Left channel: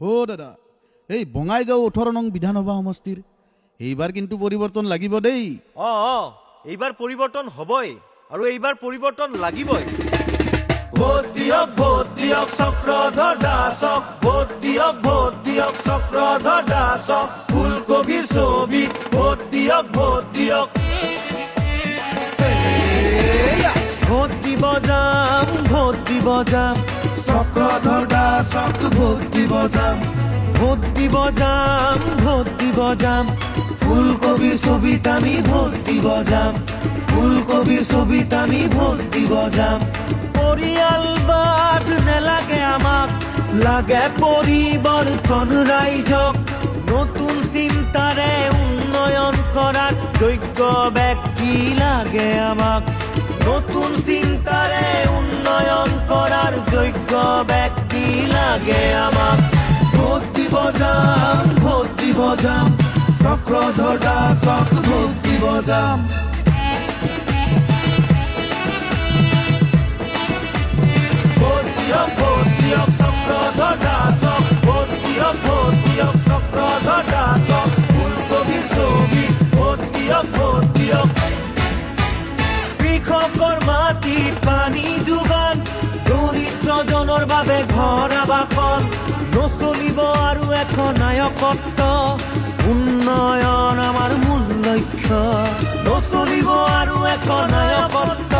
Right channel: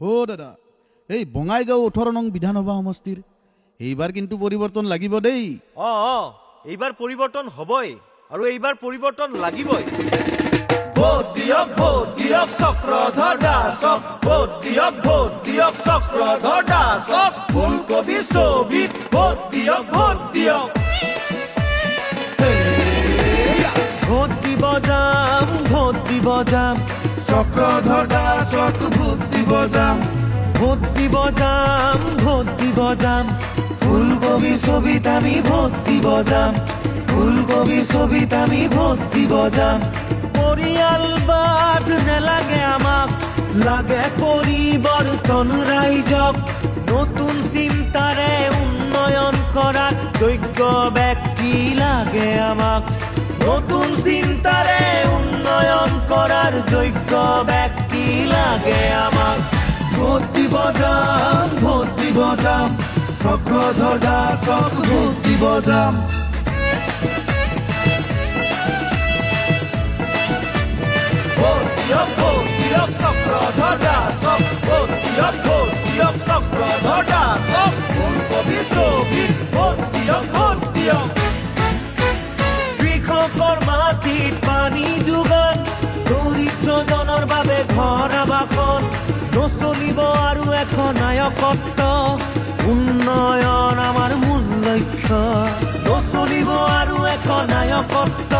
ও দাদা, এই বঙাইগাঁও 18 নং বিধানসভা সমষ্টিৰ এইবাৰ কিন্তু পৰিৱৰ্তন লাগিব দেই। এইবাৰ পৰিৱৰ্তন হ'বই আৰু এইবাৰ পৰিৱৰ্তন লাগিবই। ভোট দিয়ক চক্ৰধৰ দাসক, ভোট দিয়ক চক্ৰধৰ দাসক, ফুলকবিৰ ছবিত ভোট দিয়ক। ভোট দিব যাম, ভোট দিব যাম, চক্ৰধৰ দাসক ভোট দিব যাম। ভোট দিব যাম, ভোট দিব যাম, ফুলকবিৰ ছবিত আমি ভোট দিব যাম। ফুলকবিৰ ছবিত আমি ভোট দিব যাম। পৰিয়ালবাদ নেলাগে আমাক, লাগে পৰিৱৰ্তন ৰাইজক। নতুন চিন্তাৰে উন্নয়ন কৰাৰ যোগ্য ব্যক্তি লাগে আমাক। নতুন চিন্তাৰে উন্নয়ন কৰাৰ যোগ্য ব্যক্তি লাগে আমাক। ভোট দিব যাম, ভোট দিব যাম, চক্ৰধৰ দাসক ভোট দিব যাম। ভোট দিয়ক চক্ৰধৰ দাসক, ভোট দিয়ক চক্ৰধৰ দাসক, ফুলকবিৰ ছবিত ভোট দিয়ক। কৃষকৰ মাটিত পানী যোগান, দৰিদ্ৰজনৰ বাবে ঘৰ আবাসন, নচলিব আৰু এখন নায়কত্ব। উন্নয়ন আমাৰ মূল লক্ষ্য, নচলিব আৰু এখন নায়কত্ব।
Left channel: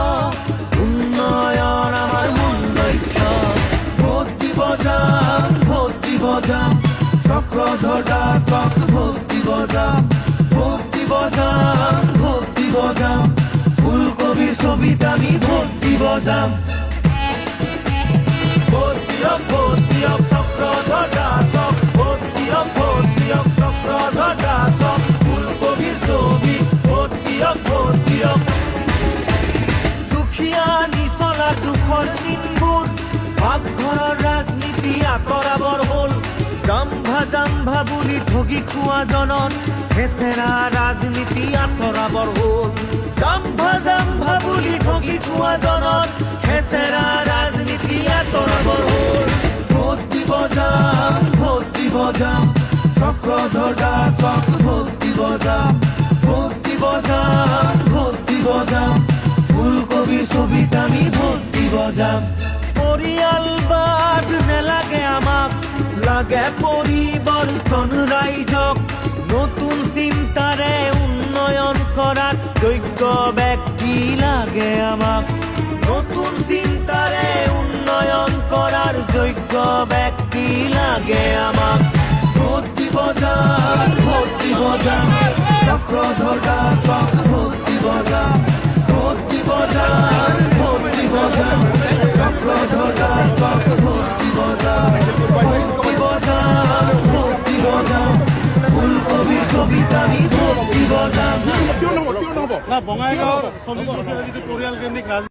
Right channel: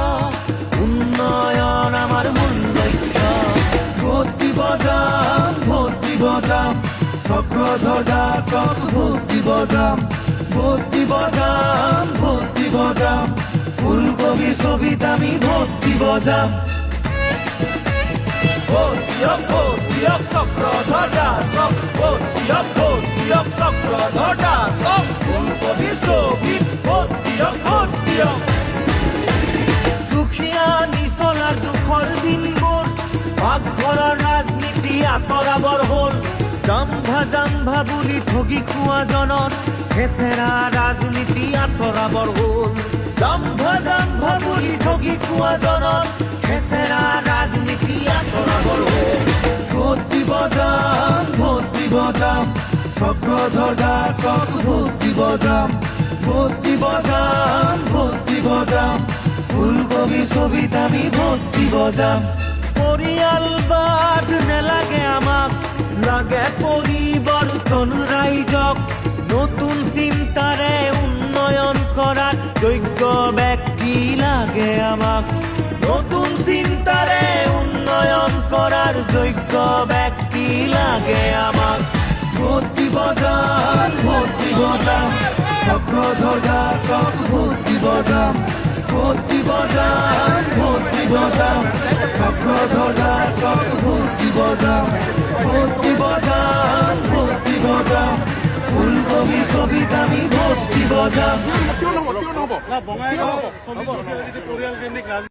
উন্নয়ন আমাৰ মূল লক্ষ্য। ভোট দিব যাম, ভোট দিব যাম, চক্ৰধৰ দাসক ভোট দিব যাম। ভোট দিব যাম, ভোট দিব যাম, ফুলকবিৰ ছবিত আমি ভোট দিব যাম। ভোট দিয়ক চক্ৰধৰ দাসক, ভোট দিয়ক চক্ৰধৰ দাসক, ফুলকবিৰ ছবিত ভোট দিয়ক। দুখীয়া নিচলাৰ দুখৰ দিনবোৰ, পাকঘৰৰ ৰাজনীতি আঁতৰাবৰ হ'ল। জাম্ভা বুলি ঠগি খোৱা জনৰ খেচেৰা ৰাজনীতি আঁতৰাবৰ হ'ল। জাম্ভা বুলি ঠগি খোৱা জনৰ খেচেৰা ৰাজনীতি আঁতৰাবৰ হ'ল। ভোট দিব যাম, ভোট দিব যাম, চক্ৰধৰ দাসক ভোট দিব যাম। ভোট দিব যাম, ভোট দিব যাম, ফুলকবিৰ ছবিত আমি ভোট দিব যাম। পৰিয়ালবাদ নেলাগে আমাক, লাগে পৰিৱৰ্তন ৰাইজক। নতুন চিন্তাৰে উন্নয়ন কৰাৰ যোগ্য ব্যক্তি লাগে আমাক। নতুন চিন্তাৰে উন্নয়ন কৰাৰ যোগ্য ব্যক্তি লাগে আমাক। ভোট দিব যাম, ভোট দিব যাম, চক্ৰধৰ দাসক ভোট দিব যাম। ভোট দিব যাম, ভোট দিব যাম, চক্ৰধৰ দাসক ভোট দিব যাম। ভোট দিব যাম, ভোট দিব যাম, ফুলকবিৰ ছবিত আমি ভোট দিব যাম। বঙাইগাঁও 40 পৰিয়াল কেন্দ্ৰিক